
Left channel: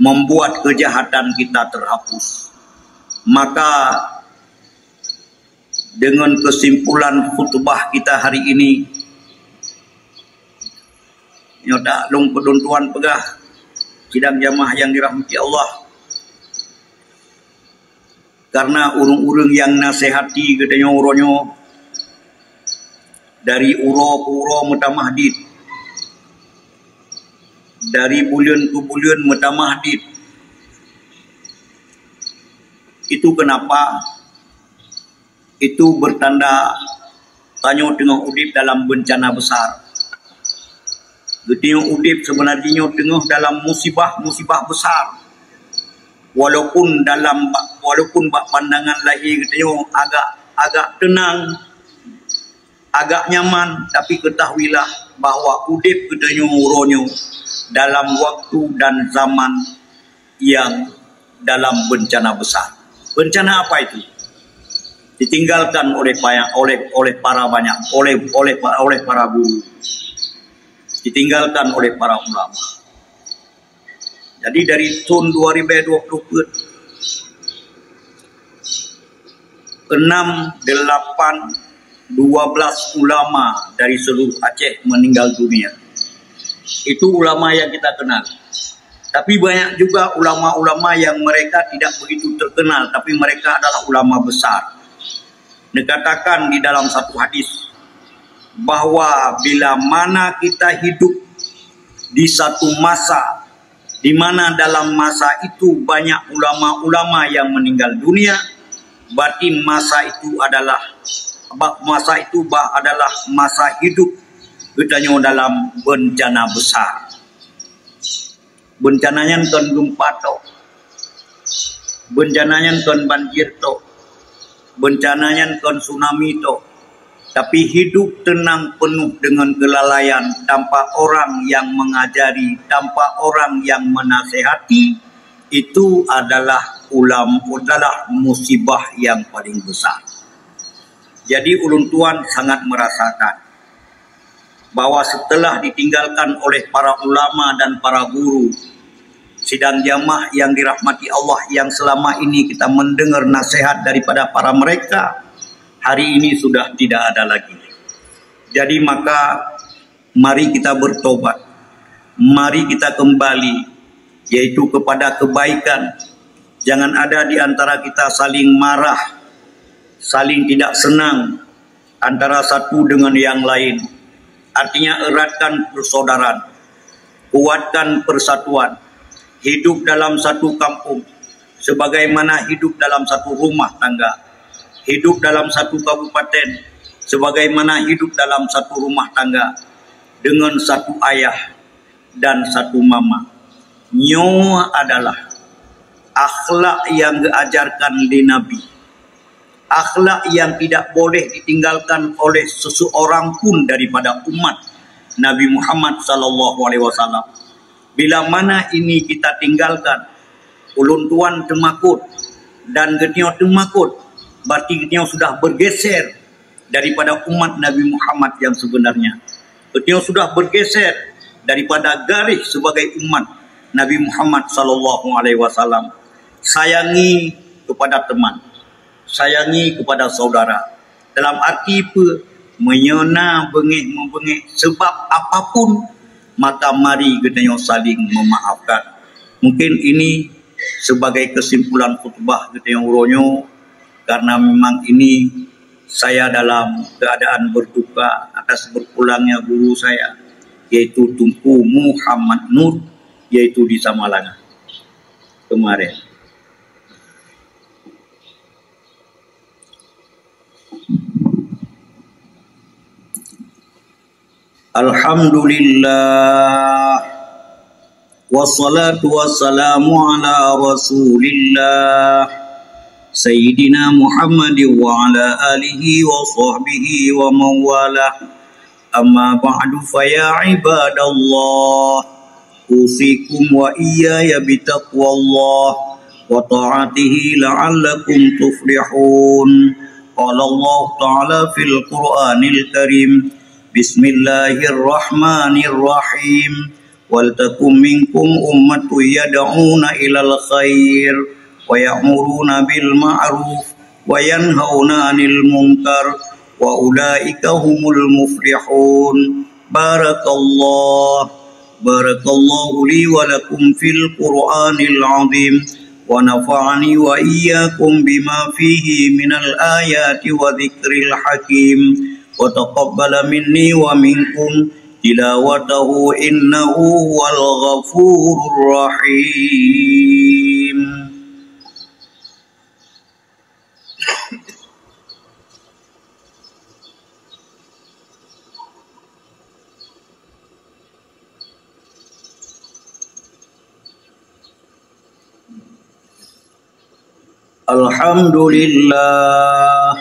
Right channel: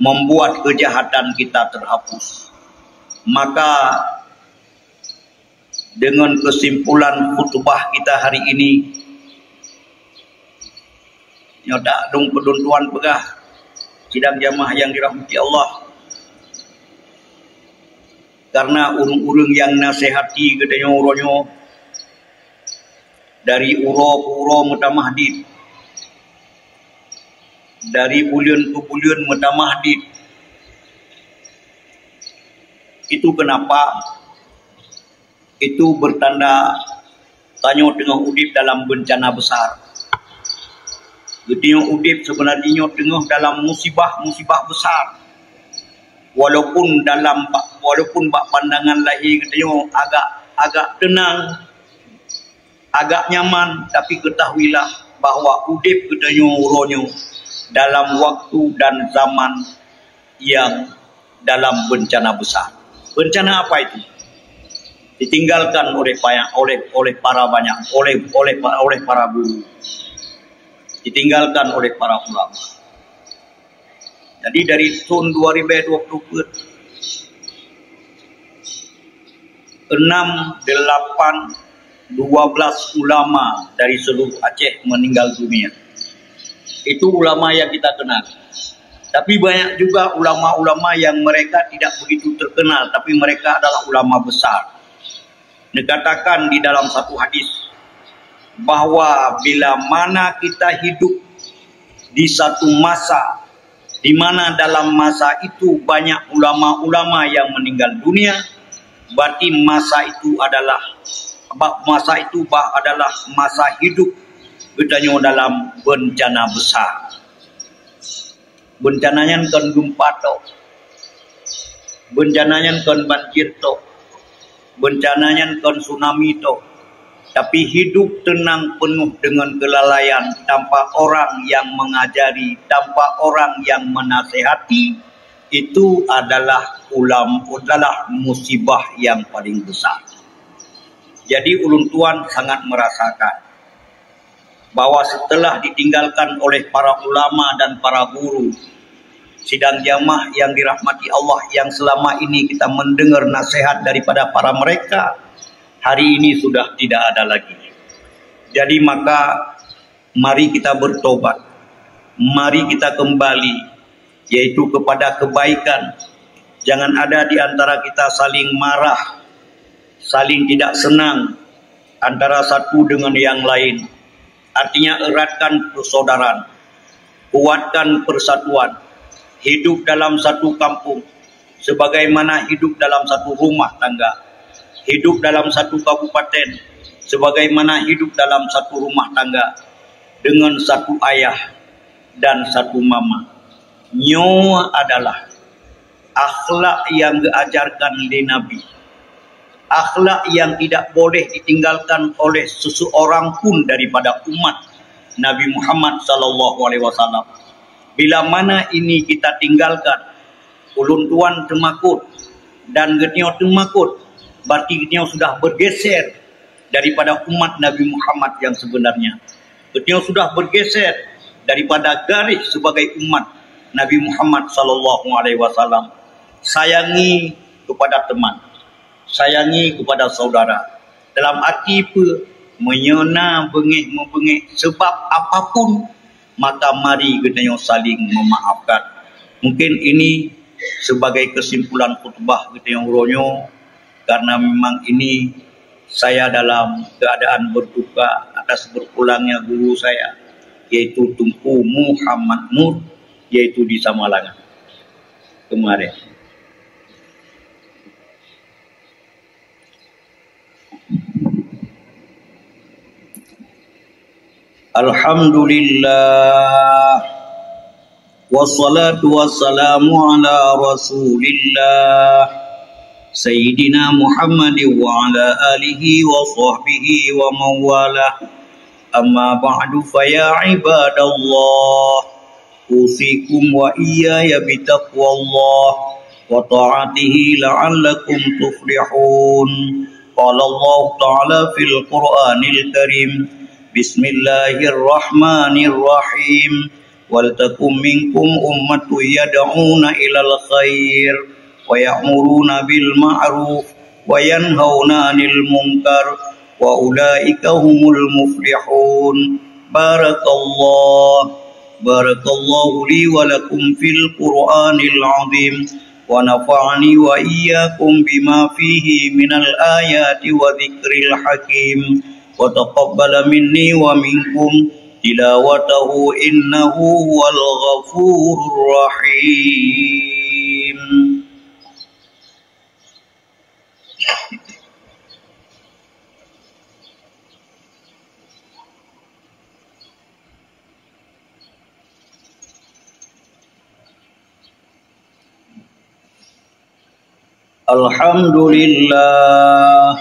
membuat kejahatan kita terhapus. Maka dengan kesimpulan khutbah kita hari ini, nyodak long peduntuan pegah sidang jamaah yang dirahmati Allah, karena urung-urung yang nasihati katanya uronyo dari uro-uro mutamahdid, dari bulan ke bulan mutamahdid. Itu kenapa? Itu bertanda tanya tengah udip dalam bencana besar. Getio udip sebenarnya tengah dalam musibah besar. Walaupun bak pandangan lahir getio agak tenang, agak nyaman, tapi ketahuilah bahawa udip getio uronyo dalam waktu dan zaman yang dalam bencana besar. Bencana apa itu? Ditinggalkan oleh para guru, ditinggalkan oleh para ulama. Jadi dari tahun 2020 6, 8, 12 ulama dari seluruh Aceh meninggal dunia. Itu ulama yang kita kenal. Tapi banyak juga ulama-ulama yang mereka tidak begitu terkenal, tapi mereka adalah ulama besar. Dikatakan di dalam satu hadis bahwa bila mana kita hidup di satu masa di mana dalam masa itu banyak ulama-ulama yang meninggal dunia, berarti masa itu adalah masa hidup kita dalam bencana besar. Bencananya kan gempa to, bencananya kan banjir to, bencananya kan tsunami to, tapi hidup tenang penuh dengan kelalaian tanpa orang yang mengajari, tanpa orang yang menasehati, itu adalah musibah yang paling besar. Jadi ulun tuan sangat merasakan bahwa setelah ditinggalkan oleh para ulama dan para guru, sidang jamaah yang dirahmati Allah yang selama ini kita mendengar nasihat daripada para mereka, hari ini sudah tidak ada lagi. Jadi maka mari kita bertobat, mari kita kembali, yaitu kepada kebaikan. Jangan ada di antara kita saling marah, saling tidak senang antara satu dengan yang lain. Artinya eratkan persaudaraan, kuatkan persatuan, hidup dalam satu kampung, sebagaimana hidup dalam satu rumah tangga, hidup dalam satu kabupaten, sebagaimana hidup dalam satu rumah tangga, dengan satu ayah dan satu mama. Nyo adalah akhlak yang diajarkan di Nabi, akhlak yang tidak boleh ditinggalkan oleh seseorang pun daripada umat Nabi Muhammad SAW. Bila mana ini kita tinggalkan, ulun tuan temakut dan getio temakut, berarti getio sudah bergeser daripada umat Nabi Muhammad yang sebenarnya. Getio sudah bergeser daripada garis sebagai umat Nabi Muhammad SAW. Sayangi kepada teman, sayangi kepada saudara, dalam arti menyena bengih membengih sebab apapun, maka mari kita saling memaafkan. Mungkin ini sebagai kesimpulan khutbah kita yang uronyo, karena memang ini saya dalam keadaan berduka atas berpulangnya guru saya, yaitu Tunku Muhammad Nur, yaitu di Samalangan kemarin. Alhamdulillah, wassalatu wassalamu ala rasulillah Sayyidina Muhammadin wa ala alihi wa sahbihi wa mawalah. Amma ba'du, faya ibadallah, usikum wa iyaya bitaqwallah wa ta'atihi la'allakum tuflihun. Qala Allah ta'ala fil Qur'anil Karim, Bismillahirrahmanirrahim. Wal takum minkum ummatun yad'una ilal khair wa ya'muruna bil ma'ruf wa yanhauna 'anil munkar wa ulaika humul muflihun. Barakallahu li wa lakum fil Qur'anil 'azim wa nafa'ani wa iyyakum bima fihi minal ayati wa dzikril hakim. Wa taqabbala minni wa minkum tilawatahu innahu huwal ghafurur rahim. Alhamdulillah,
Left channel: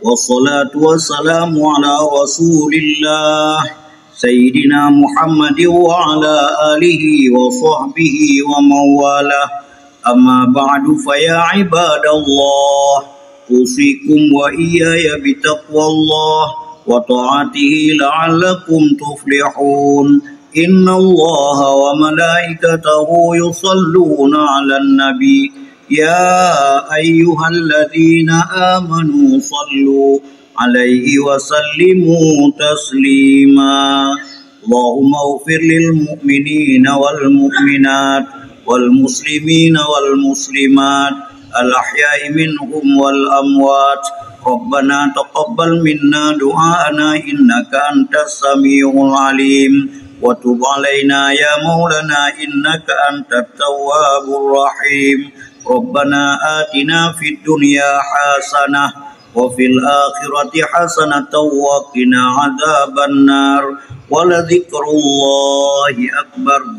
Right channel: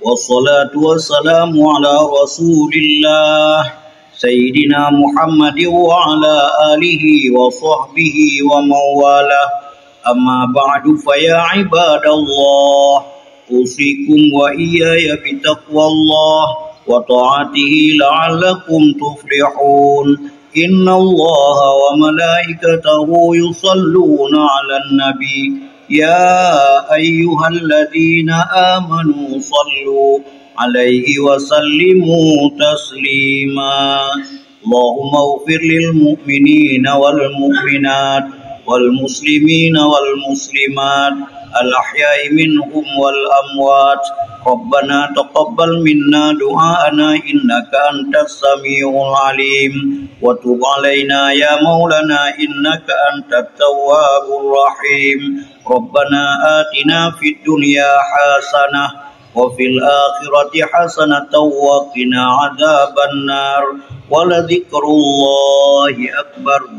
wassalatu wassalamu ala rasulillah Sayyidina Muhammadin wa ala alihi wa sahbihi wa mawalah. Amma ba'du, faya ibadallah, usikum wa iyaya bitaqwallah wa ta'atihi la'allakum tuflihun. Inna Allaha wa malaikatahu yusalluna 'alan nabi. Ya ayyuhalladzina amanu sallu alaihi wa sallimu taslima. Allahumma ighfir lil mu'minina wal mu'minat wal muslimina wal muslimat al ahya'i minhum wal amwat. Rabbana taqabbal minna du'ana innaka antas samiul alim wa tub alaina ya maulana innaka antat tawwabur rahim. Rabbana atina fid dunya hasanah wa fil akhirati hasanatan wa qina adzabannar. Wa la dzikrullahi akbar.